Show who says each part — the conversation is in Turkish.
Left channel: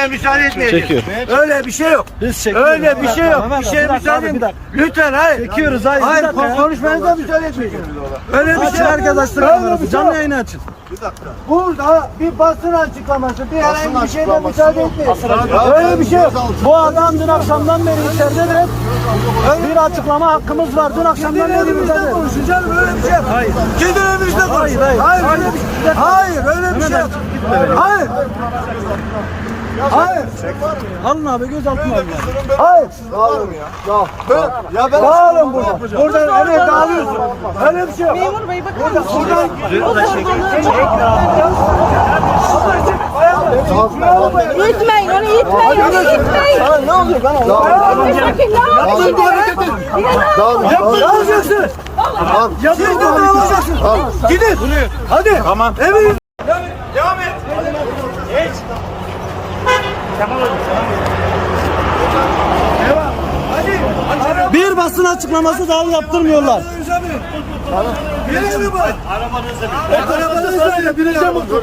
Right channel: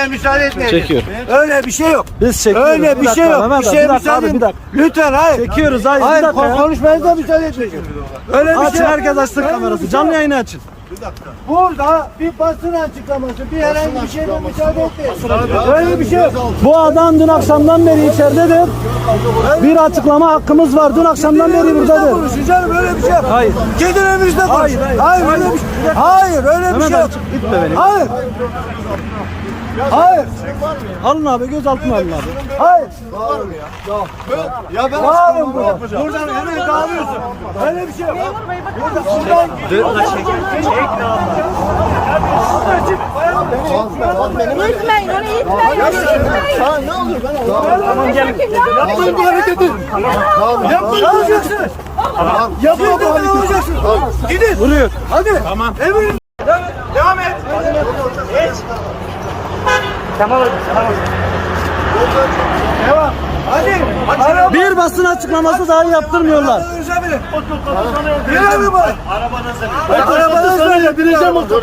Speaker 1: müsaade etmeyin. Çekiyor. Öyle bir şey yok. Biz çekiyoruz. Öyle bir şey yok. Bir şeye müsaade Bir dakika. Lütfen hayır.
Speaker 2: Çekiyoruz hayır. Hayır Bir dakika
Speaker 1: konuşmanıza müsaade etmeyin.
Speaker 2: Öyle bir Açın şey yok. herkes açsın kamerası. bir şey Canlı yayını açın.
Speaker 1: Burada bir basın açıklaması, bir herhangi bir şeyle müsaade etmeyin. Öyle bir şey yok.
Speaker 2: Bu adam dün akşamdan beri içeride de bir açıklama hakkımız var. Dün akşamdan beri Elimizde Hayır. Gidin
Speaker 1: elimizde konuş. Hayır, hayır. Hayır, öyle bir- hayır, öyle bir Hemen şey beni. Hayır.
Speaker 2: Hayır. Alın abi gözaltına alın abi.
Speaker 1: Hayır. Ya ben
Speaker 2: Dağılın burada. Buradan hemen dağılıyorsun. Öyle bir şey yok. Burada, buradan Burada çek.
Speaker 1: Abla çık. Lütfen yürüyün.
Speaker 2: Sana ne oluyor lan? Tamam gelin. Yapmayın bu hareketi. Yapmayın diyeceksin. Yapmayın da dağılacaksın. Gidin. Vuruyor. Hadi. Tamam. Evet.
Speaker 1: Devam et. Geç. Devam. Hadi.
Speaker 2: Hadi. Bir basın açıklaması dahi yaptırmıyorlar.
Speaker 1: Arabanızı var? Arabanızı binin. Arabanızı mi?